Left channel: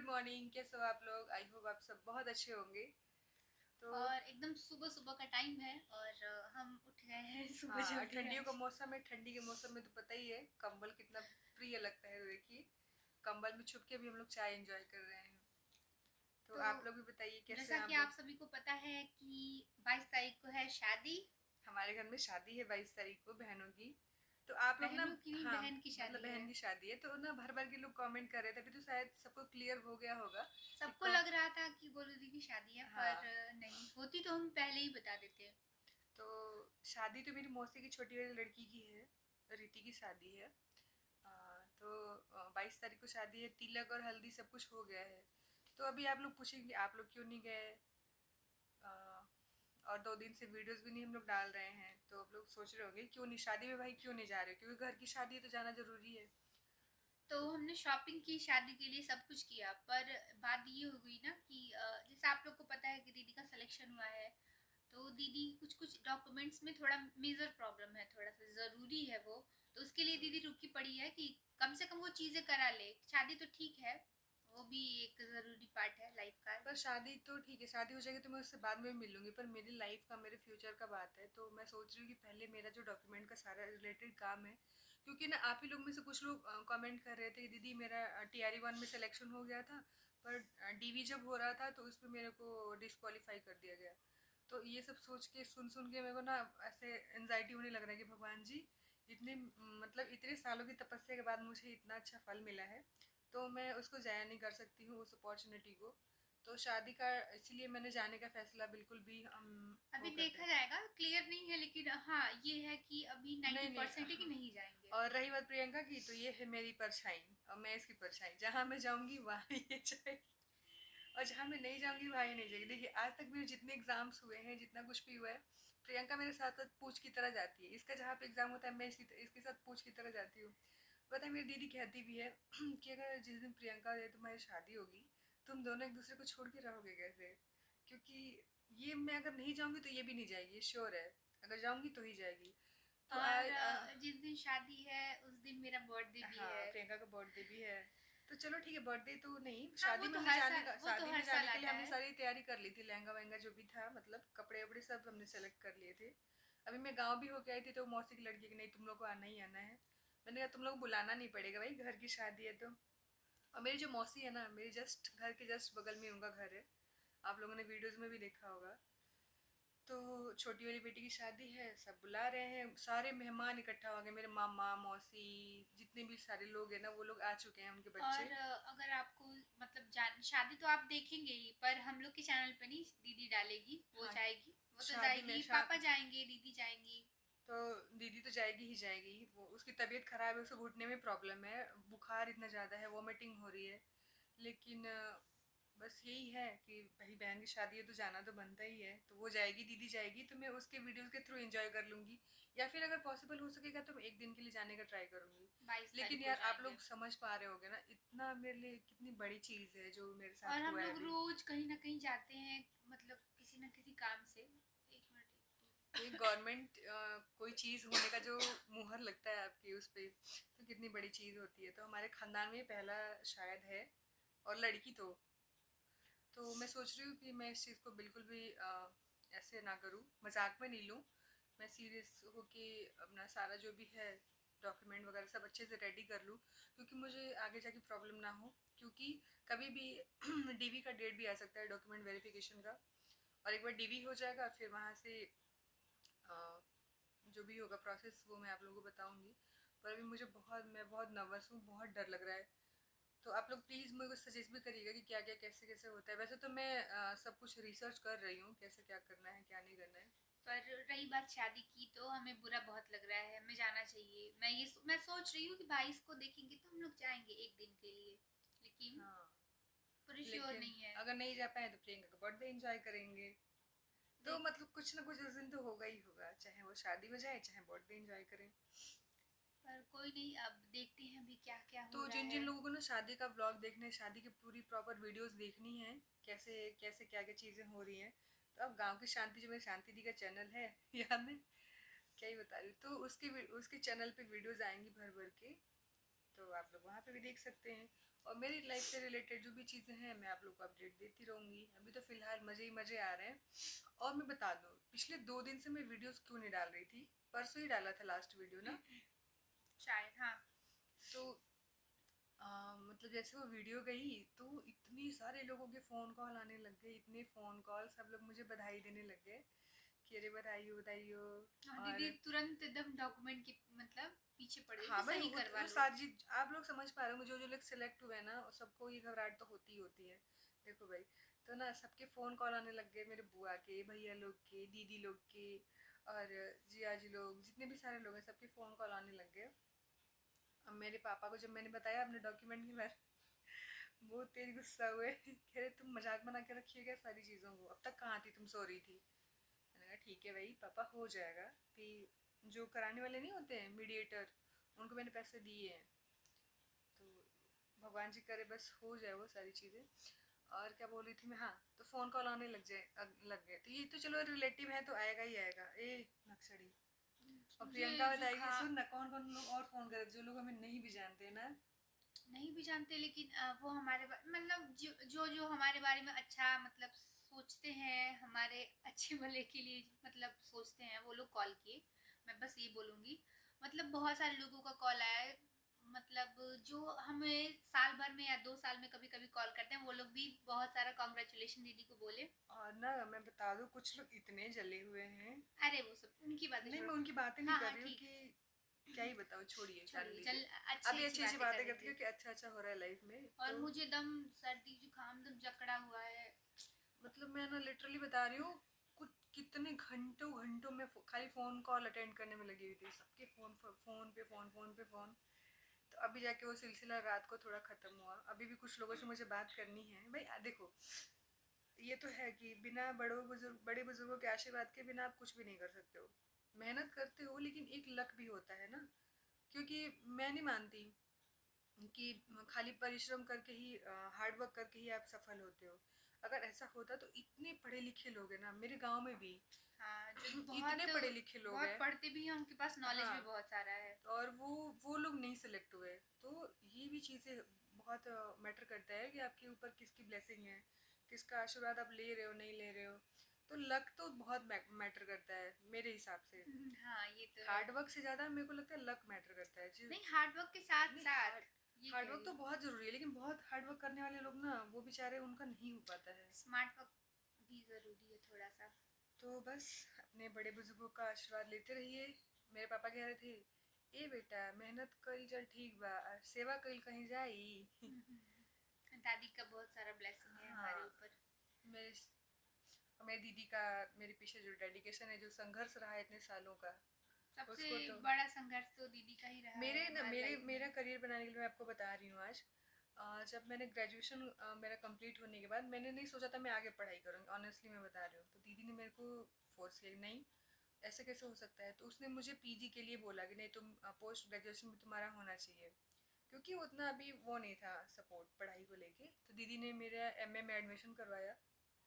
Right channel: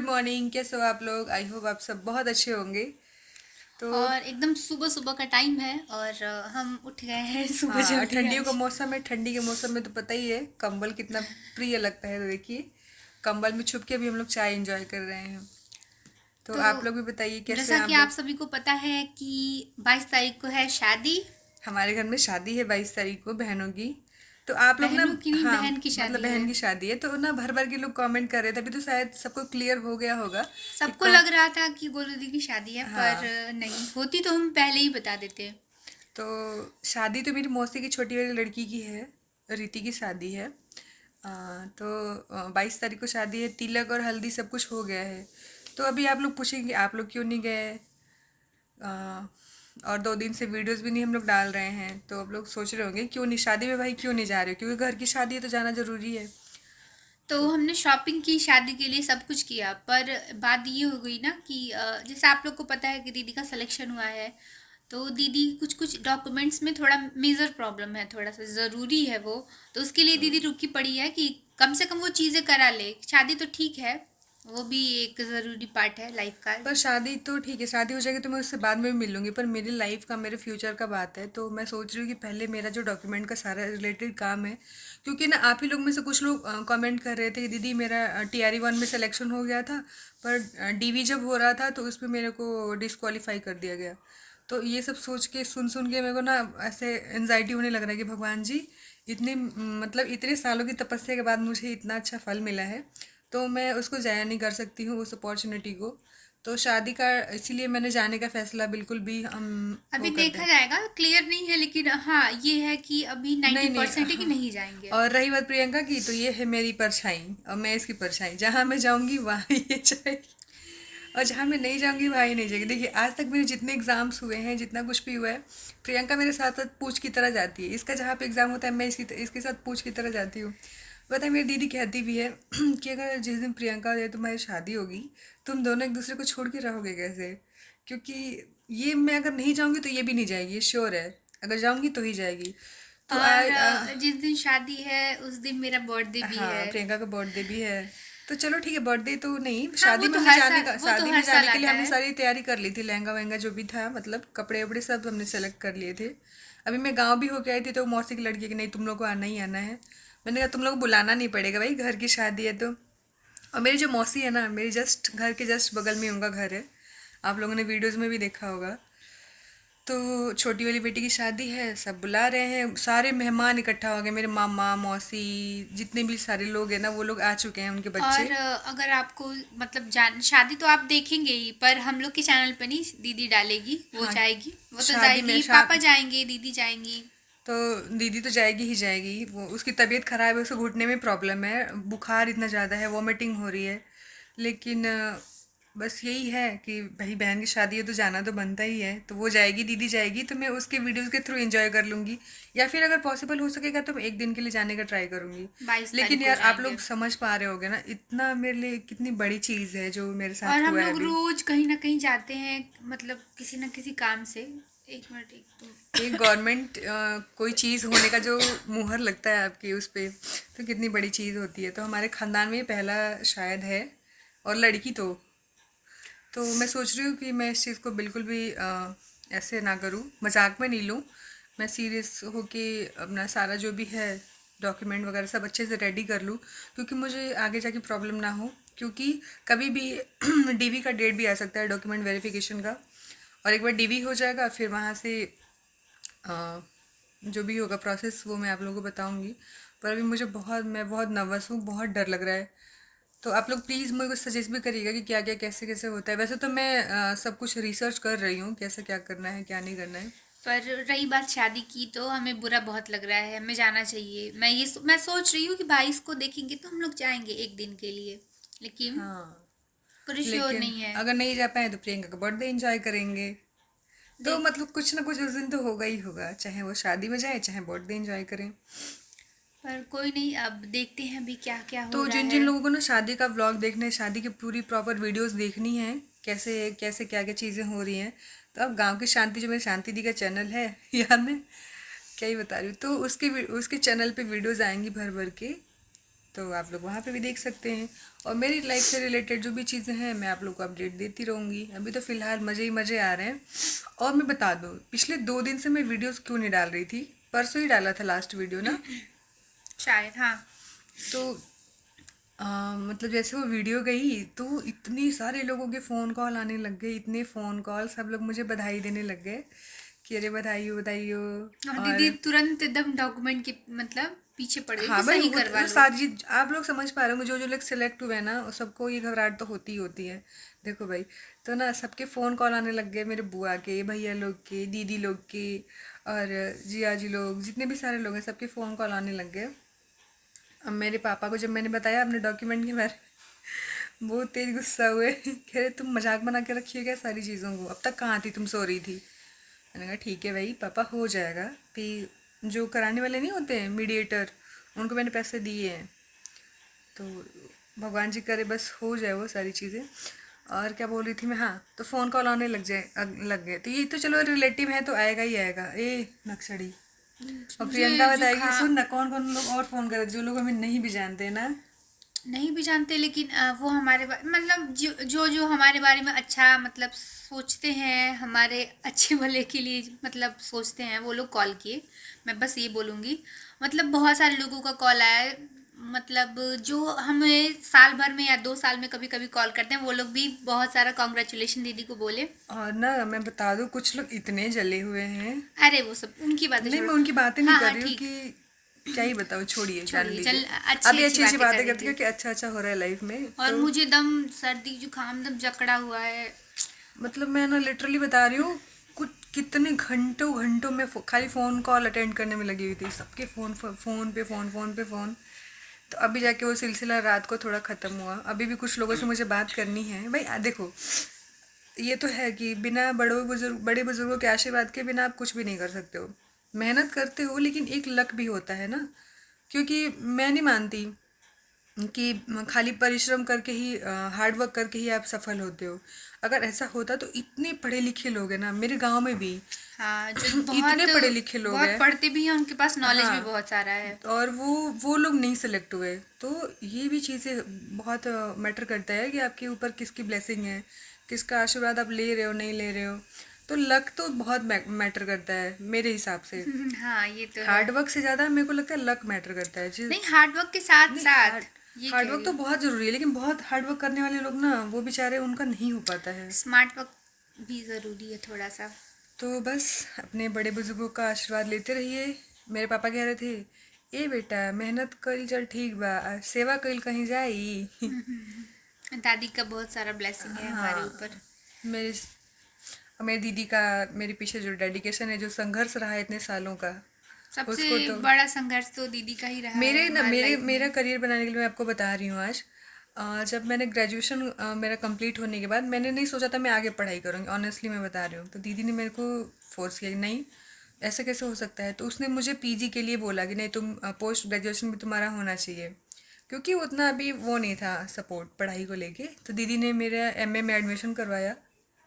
Good morning. कैसे हो आप लोग? आई होप आप सब बहुत अच्छे होंगे। तो और एकदम सुबह सुबह का टाइम है और हम उठ गए हैं सुबह हाँ, जल्दी ठंडियों का आज। मौसम है। ठंडी के मौसम में तो पता ही है कंबल कितना प्रिय लगता है। तो देखिए, कंबल में छुप के भी हम लोग चाय एंजॉय कर रहे हैं। तो तो आप लोग भी बताइए कैसे जैसा हैं कि आप आप लोग? सभी को पता है कि 22 तारीख को है शादी। हमारे घर में शादी है 22 तारीख को बहनों की। तो आप लोग ना, बहनों की नहीं, हाँ, बहन की मतलब शादी बहन है। की शादी है तो ना भर भर के लोग कमेंट कर रहे थे। अभी तो शायद सबको क्लियर हो गया होगा कि सबको कौन। लग रहा था कि गोलू दी की शादी है, पर हाँ, नहीं होती तो हम पहले ही बता देते। तो शादी तो मेरी मौसी की छोटी वाली लड़की की है। रीति की शादी है। तो 22 तारीख को शादी है। तिलक और हल्दी सब कुछ हो गया है। तो अभी आप लोग पूछेंगे आप लोग क्यों नहीं गए। अ, और 2 दिन से वीडियोस भी नहीं हम लोग डाल रहे हैं। तो आप लोग सोच रहे होंगे क्यों नहीं शादी में, भाई क्यों नहीं जा रहे हो? क्योंकि घर की शादी है तो जाना जरूरी है। तो तो हमने शॉपिंग की, शादी के लिए सब कुछ किया, पर बात ये हो गई ना कि जैसे आप लोग को पता है कि दीदी का सिलेक्शन हुआ है। तो दीदी कुछ कुछ डॉक्यूमेंट्स में थोड़ा मेजर प्रॉब्लम है, थोड़ा सा ज़रूरी है वो। तो उसके लिए दीदी रुकी पड़ी है कि कम से कम वो चीज़ें करा ले। शादी तो ठीक है, वो भी एक ज़रूरी पार्ट है लाइफ का। पर शादी तो ठीक है, शादी हो जाएगी तो मैं उससे बाद में भी मिल लूंगी। पर मेरी लाइफ का, मेरे फ्यूचर का बात है। तो मैं सोच रही हूँ कि पहले मेरा जो डॉक्यूमेंट का सारा रिलेटेड काम है, क्योंकि ना आप ही लोग में से कुछ लोग कमेंट कर रहे थे कि दीदी मेरा TRE 1 में सिलेक्शन हो गया था, पर DV जब हो रहा था तो उसमें मेरे को डिस्क्वालीफाई कर दिया गया। तो ये सब सोच के, सुन सुन के मेरे को ना ऐसे एनजाइटी होने लग रहा है कि भगवान जी, इतने मतलब इतने सालों की तपस्या के बाद मुझे इतना अच्छा फल मिला है, तो मैं उसको ज़ाया नहीं कर सकती हूँ उस अपॉर्चुनिटी को। तो शादी का इसीलिए मैंने जाने का फैसला बिल्कुल भी हम अभी वो कर दें। देखा जाएगा, क्लियर नहीं है, लेकिन हाँ ये है कि अभी नाइन्टी नहीं नहीं, परसेंट है कि हाँ। नहीं जाएंगे। और रही बात प्रियंका की, तो ये है मेरी परछाई और मैं इसकी परछाई। जहाँ मैं जाऊँगी वहाँ ये जाएगी, और जहाँ मैं नहीं जाऊँगी वहाँ ही नहीं जाएगी। देखिए, आज तक मेरे जितने एग्जाम्स हुए हैं, जितना कुछ भी हुआ है, प्रियंका मेरे साथ साथ पूछ की तरह जाती है। इसका जहाँ पे एग्ज़ाम होता है मैं इसके साथ पूछ की तरह जाती हूँ। पता है, मेरी दीदी कहती भी है कि अगर जिस दिन प्रियंका और तुम्हारी शादी होगी, तुम दोनों एक दूसरे को छोड़ के रहोगे कैसे? क्योंकि ये मैं अगर नहीं जाऊँगी तो ये भी नहीं जाएगी, ये श्योर है। अगर जाऊँगी तो ही जाएगी। तो और जिस दिन शादी है उस दिन मेरा बर्थडे भी हाँ, है। प्रियंका का बर्थडे भी है। तो चलो ठीक है, बर्थडे तो नहीं, हाँ, वो शादी में तो हमने हर जाने साल, का, वो तो शादी में हर जाने साल के लिए आता हमने है। सारी तैयारी कर ली थी। लहंगा वहंगा जो भी था, मतलब कपड़े वपड़े सब हमने सेलेक्ट कर लिए थे। अभी मैं गांव भी होके आई थी तो मौसी की लड़की कि नहीं, तुम लोग को आना ही आना है। मैंने कहा तुम लोग को बुलाना नहीं पड़ेगा भाई, घर की शादी है तो। और मेरी जो मौसी है ना, मेरी जस्ट घर के जस्ट बगल में उनका घर है। आप लोगों ने वीडियोस में भी देखा होगा। तो छोटी वाली बेटी की शादी है, सब बुला रहे हैं, सारे मेहमान इकट्ठा हो गए, मेरे मामा मौसी, जितने भी सारे लोग हैं ना वो लोग आ चुके हैं, उनके और बच्चे। अगर आपको मतलब जान शादी तो आप देखेंगे ही, पर हम लोग के चैनल पे नहीं, दीदी डालेगी, वो हाँ, जाएगी, वो तो शादी में जाएगी, शाम पापा जाएंगे, दीदी जाएंगी। तो दीदी तो जाएगी ही जाएगी। वो उसकी तबीयत खराब है, उसको घुटने में प्रॉब्लम है, बुखार इतना ज़्यादा है, वॉमिटिंग हो रही है। लेकिन बस यही है कि भाई बहन की शादी है तो जाना तो बनता ही है। तो वो जाएगी, दीदी जाएगी, तो मैं उसके वीडियोस के थ्रू एंजॉय कर लूँगी। या फिर अगर पॉसिबल हो सकेगा तो मैं एक दिन के लिए जाने का ट्राई करूँगी। बाईस लेकिन तारीख को यार आप जाएंगे। लोग समझ पा रहे होगे ना, इतना मेरे लिए कितनी बड़ी चीज़ है जो मेरे और साथ हम हुआ है लोग अभी। रोज कहीं ना कहीं जाते हैं, मतलब किसी ना किसी काम से। एक मिनट, एक तो एक गवर्नमेंट कोई चीज़ होने का जो मुहर लगता है आपकी उस पे, तो कितनी बड़ी चीज़ होती है। तो हमारे ख़ानदान में ये पहला शायद है, और लड़की तो मैं सोच रही हूँ कि मैं इस चीज़ को बिल्कुल भी ऐसे ना करूँ, मजाक में नहीं लूँ। मैं सीरियस होके अपना सारा जो भी है डॉक्यूमेंट वगैरह सब अच्छे से रेडी कर लूँ, क्योंकि मुझे आगे जाके प्रॉब्लम ना हो। क्योंकि कभी भी DV का डेट भी आ सकता है, डॉक्यूमेंट वेरिफिकेशन का। और एक बार DV हो जाएगा फिर वहाँ से अ, जो भी होगा प्रोसेस वो मैं आप लोगों को बताऊंगी। पर अभी मुझे बहुत, मैं बहुत नर्वस हूँ, बहुत डर लग रहा है। तो आप लोग प्लीज़ मुझे कुछ सजेस्ट भी करिएगा कि क्या क्या कैसे कैसे होता है। वैसे तो मैं सब कुछ रिसर्च कर रही हूँ, कैसे क्या करना है क्या नहीं करना है। पर रही बात शादी की, तो हमें बुरा बहुत लग रहा है, हमें जाना चाहिए। मैं सोच रही हूँ कि 22 को देखेंगे तो हम लोग जाएंगे एक दिन के लिए, लेकिन हाँ, पूरी श्योर लेकिन नहीं है। अगर नहीं जा पाए तो प्रियंका का बर्थडे एंजॉय करेंगे। तो देख, मतलब कुछ ना कुछ उस दिन तो होगा ही होगा, चाहे वो शादी में जाए चाहे बर्थडे एंजॉय करें। पर कोई नहीं, अब देखते हैं अभी क्या क्या हो तो रहा जिन जिन है। लोगों को ना शादी का व्लॉग देखना है, शादी की पूरी प्रॉपर वीडियोस देखनी है, कैसे कैसे क्या क्या चीज़ें हो रही हैं, तो अब गांव की शांति जो मेरी शांति दी का चैनल है यार मैं क्या ही बता रही हूँ, तो उसके चैनल पे वीडियोस आएंगी भर भर के। तो आप लोग वहाँ पे भी देख सकते हैं। और मेरी लाइफ से रिलेटेड जो भी चीज़ें हैं मैं आप लोग को अपडेट देती रहूँगी। अभी तो फ़िलहाल मज़े ही मज़े आ रहे हैं। और मैं बता दूँ, पिछले 2 दिन से मैं वीडियोस क्यों नहीं डाल रही थी। परसों ही डाला था लास्ट वीडियो ना। शायद हाँ। तो मतलब जैसे वो वीडियो गई तो इतनी सारे लोगों के फ़ोन कॉल आने लग गए, इतने फ़ोन कॉल, सब लोग मुझे बधाई देने लग गए कि अरे बधाई हो बधाई हो। और दीदी और तुरंत एकदम डॉक्यूमेंट के मतलब पीछे पड़ गई हाँ कि भाई, सही वो करवा वो लो। सारी चीज आप लोग समझ पा रहे होंगे, जो जो लोग सिलेक्ट हुए हैं ना वो सबको ये घबराहट तो होती ही होती है। देखो भाई, तो ना सबके फ़ोन कॉल आने लग गए, मेरे बुआ के, भैया लोग के, दीदी लोग के, और जिया जी लोग, जितने भी सारे लोग हैं सबके फ़ोन कॉल आने लग गए। अब मेरे पापा को जब मैंने बताया अपने डॉक्यूमेंट के बारे में, बहुत तेज गुस्सा हुए कह रहे तुम मजाक बना के रखी है क्या सारी चीज़ों को, अब तक कहाँ थी, तुम सो रही थी। मैंने कहा ठीक है भाई पापा, हो जाएगा। फिर जो कराने वाले नहीं होते हैं मीडिएटर, उनको मैंने पैसे दिए हैं। तो भगवान जी करे बस हो जाए वो सारी चीज़ें। और क्या बोल रही थी मैं, हाँ, तो फ़ोन कॉल आने लग गए, तो ये तो चलो रिलेटिव है तो आएगा ही आएगा। ए नक्सड़ी। और मुझे प्रियंका बताएगी, जुकाम सुन ना, कौन कौन लोग और फ़ोन करे जो लोग हमें नहीं भी जानते हैं ना। नहीं भी जानते, लेकिन वो हमारे मतलब जो हमारे बारे में अच्छा मतलब सोचते हैं, हमारे अच्छे भले के लिए मतलब सोचते हैं, वो लोग कॉल किए। मैं बस ये बोलूँगी, मतलब बहुत सारे लोगों का कॉल आया है। मतलब जो हमें साल भर में या 2 साल में कभी कभी कॉल करते हैं, वो लोग भी बहुत सारा कॉन्ग्रेचुलेशन दीदी को बोले। और ना मैं बता दूँ, कुछ लोग इतने जले हुए हैं। अरे वो सब उनकी बातें नहीं, छोड़ो। मैं उनकी बातें नहीं हाँ कर हाँ रही हूँ ठीक। कि क्या ही बताऊँ, छोड़िए, जान छोड़िए, लीजिए। चल अच्छी अभी अच्छी अच्छी अच्छी बातें बातें करती करेंगे। हूँ कि अच्छा अच्छा हो रहा है लाइफ में। और तो मुझे दम सर्दी जुकाम दम जकड़ा हुआ है। मतलब मैं ना लिटरली बता रही हूँ, कुछ कितने घंटों घंटों में खाली फ़ोन कॉल अटेंड करने में लगी हुई थी, सबके फ़ोन फ़ोन पे फ़ोन, फ़ोन पे फ़ोन। तो अभी जाके वो सिलसिला रात को थोड़ा ख़त्म हुआ। अभी भी कुछ लोगों से मुझे बात करनी है भाई। देखो, ये तो है कि बिना बड़े बुजुर्गों के आशीर्वाद के बिना आप कुछ भी नहीं कर सकते हो। मेहनत करते हो लेकिन एक लक भी होता है ना। क्योंकि मैं नहीं मानती कि खाली परिश्रम करके ही, हार्ड वर्क करके ही आप सफल होते हो। अगर ऐसा होता तो इतने पढ़े लिखे लोग हैं ना मेरे गांव में भी। हाँ, जो इतने बहुत पढ़े लिखे लोग बहुत हैं। पढ़ते भी हैं, उनके पास नॉलेज भी हाँ, बहुत सारा है। और वो लोग नहीं सेलेक्ट हुए। तो ये भी चीज़ें बहुत मैटर करता है कि आपके ऊपर किसकी ब्लेसिंग है, किसका आशीर्वाद आप ले रहे हो नहीं ले रहे हो। तो लक तो बहुत मैटर करता है मेरे हिसाब से। हाँ, ये तो है। हार्ड वर्क से ज़्यादा मेरे को लगता है लक मैटर करता है जी। नहीं, हार्ड वर्क के साथ नहीं, साथ ये हार्ड कह वर्क रही तो हूँ, बहुत ज़रूरी है, लेकिन बहुत हार्ड वर्क करने वाले लोग ना वो बेचारे उनका नहीं हो पाता है। स्मार्ट वर्क भी ज़रूरी है थोड़ा सा। तो बस अपने बड़े बुजुर्गों का आशीर्वाद लेते रहिए। मेरे पापा कह रहे थे, ए बेटा मेहनत कल चल ठीक बा, सेवा कल कहीं जाई। दादी का बहुत सारा ब्लेसिंग है हमारे हाँ, ऊपर। मेरी मेरी दीदी का मेरे पीछे जो डेडिकेशन है, जो संघर्ष रहा है इतने सालों का, सबसे उसको तो बड़ा संघर्ष तो दीदी का ही रहा है मेरे ना हमारी मेरे लाइफ मेरा में। करियर बनाने के लिए मैं आपको बता रही हूँ आज। जब मैंने ग्रेजुएशन मेरा कंप्लीट होने के बाद मैंने नहीं सोचा था मैं आगे पढ़ाई करूँगी, ऑनेस्टली मैं बता रही हूँ। तो दीदी ने मेरे को फोर्स किया कि नहीं, ऐसे कैसे हो सकता है। तो उसने मुझे पीजी के लिए बोला कि नहीं, तुम पोस्ट ग्रेजुएशन भी तुम्हारा होना चाहिए, क्योंकि उतना अभी वो नहीं था सपोर्ट पढ़ाई को लेके। तो दीदी ने मेरा एमए में एडमिशन करवाया,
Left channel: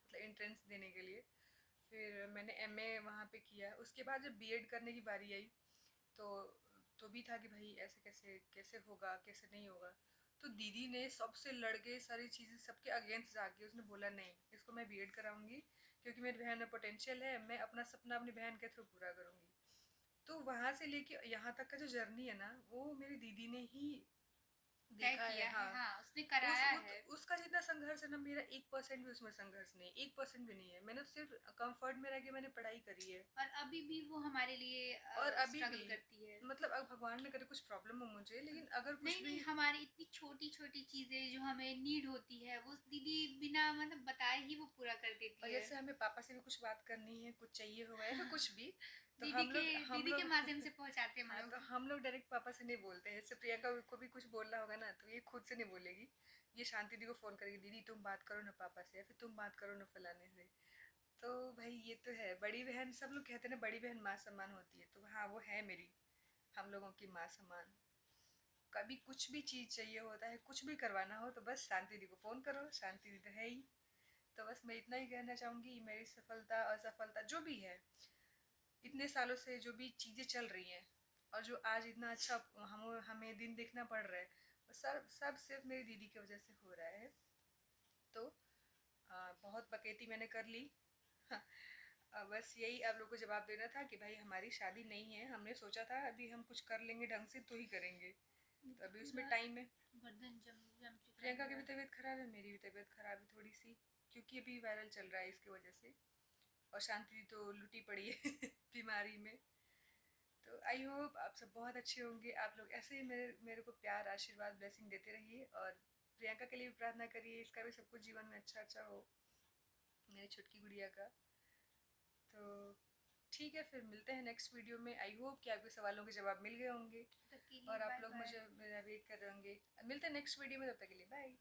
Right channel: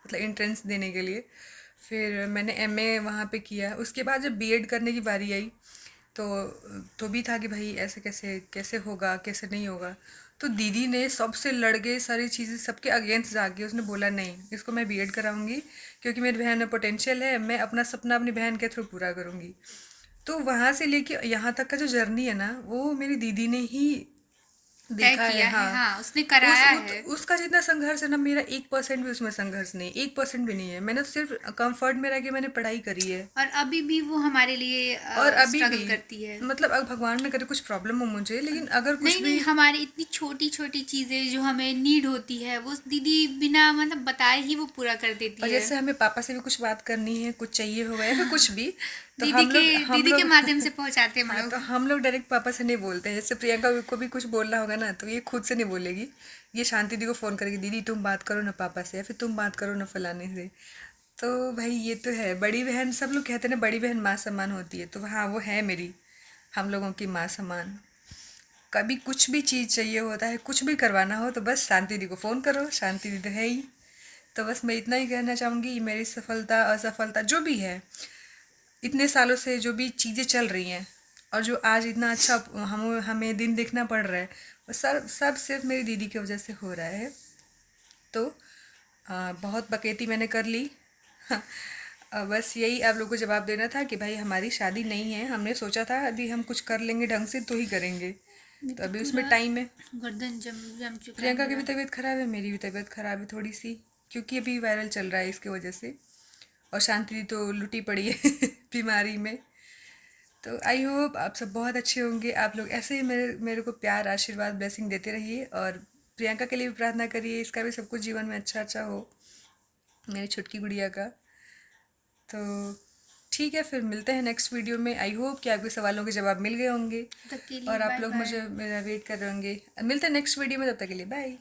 मतलब एंट्रेंस देने के लिए। फिर मैंने एमए वहाँ पे किया। उसके बाद जब बीएड करने की बारी आई तो भी था कि भाई ऐसे कैसे कैसे होगा, कैसे नहीं होगा। तो दीदी ने सबसे लड़ के सारी चीज़ें सबके अगेंस्ट जाके उसने बोला नहीं, इसको मैं बीएड कराऊंगी, क्योंकि मेरी बहन में पोटेंशियल है, मैं अपना सपना अपनी बहन के थ्रू पूरा करूंगी। तो वहाँ से लेके यहाँ तक का जो जर्नी है ना, वो मेरी दीदी ने ही तय देखा है। किया है, हाँ, हाँ उसने कराया है। उसका जितना संघर्ष है ना, मेरा 1% भी उसमें संघर्ष नहीं, 1% भी नहीं है। मैंने तो सिर्फ कंफर्ट में रह के मैंने पढ़ाई करी है। और अभी भी वो हमारे लिए और अभी भी स्ट्रगल करती है। मतलब अब भगवान न करे कुछ प्रॉब्लम हो मुझे, लेकिन अगर कुछ नहीं भी, नहीं, हमारी इतनी छोटी छोटी चीजें जो हमें नीड होती है, वो दीदी बिना मतलब बताए ही वो पूरा कर देती और है। जैसे हमें पापा से भी कुछ बात करनी है, कुछ चाहिए होगा या फिर कुछ भी, तो दीदी हम के लोग हम दीदी के लोग माध्यम से पहुंचाते हैं हम हाँ, तो लोग। हम लोग डायरेक्ट पापा से नहीं बोलते हैं। जैसे प्रियंका को भी कुछ बोलना होगा ना तो ये खुद से नहीं बोलेगी, ये शांति दी को फ़ोन करेगी, दीदी तुम बात करो ना पापा से, या फिर तुम बात करो ना फलाने से। तो भाई ये तो है, बड़ी बहन, सब लोग कहते हैं ना बड़ी बहन माँ समान होती है, तो हाँ वो है मेरी, हम लोगों की माँ समान। कभी कुछ भी चीज़ चाहिए होता है, कुछ भी करवाना हो तो बस शांति दी को फ़ोन करो, शांति दी तो है ही। तो बस मैं इतना ही कहना चाहूँगी, मेरी सफलता असफलता जो भी है, इतने सालों से जो भी चीज़ें चल रही हैं, और जो आज इतना अच्छा हमें दिन देखना पड़ रहा है, वो सब सब सिर्फ मेरी दीदी की वजह से हो रहा है। तो बहुत बकैती मैंने कर ली। बस यही आप लोगों को जवाब देना था कि भाई हमारी शादी नहीं है, हमने सोचा था अभी हम कुछ कर लेंगे ढंग से तो ही करेंगे, ये तो तो अभी उसमें पूरा टाइम है। गर्दन जम जम चुका है प्रियंका की भी मेरा। तबीयत खराब है, मेरी भी तबीयत खराब है थोड़ी सी, क्योंकि अभी वायरल चल रहा है इसके वजह से। और शांति दी तो लुटी पड़ी है बीमारी में। तो आई होप आप सब बहुत अच्छे होंगे, आप लोग ऐसे ही मेरे मेरे को प्यार आशीर्वाद ब्लेसिंग देते रहिए, और प्रियंका के लिए भी प्रार्थना करिए, इसका भी सब कुछ जीवन में अच्छा अच्छा हो, मेरी छुटकी गुड़िया का। तो ठीक है, फिर मिलते हैं नेक्स्ट वीडियो में। आई होप कि आपके सवालों के जवाब मिल गए होंगे तब तक के लिए और आप बाय लोग बाय। मुझे मेरा वेट कर रहे होंगे। मिलते हैं नेक्स्ट वीडियो में, तब तक के लिए बाय।